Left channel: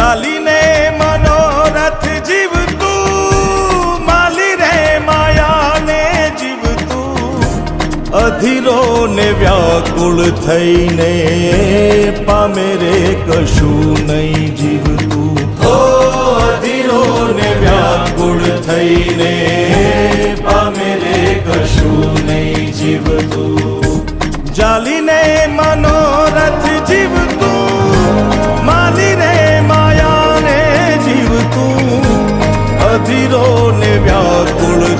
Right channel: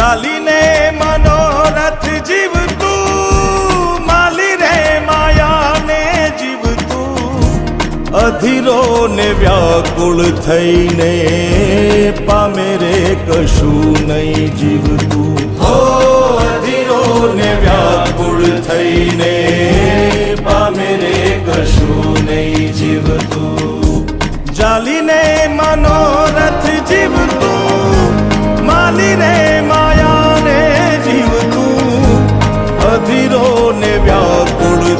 ચાલીને મનોરથ જીવતું, માલી રે માયાને જીવતું. અધીરો ને વ્યાકુળ થઈને પામે રે કશું નહીં જીવતું. હો અધીરો ને વ્યાકુળ થઈને પામે રે કશું નહીં જીવતું. ચાલીને ဒီတော့နေပြဘူးလို့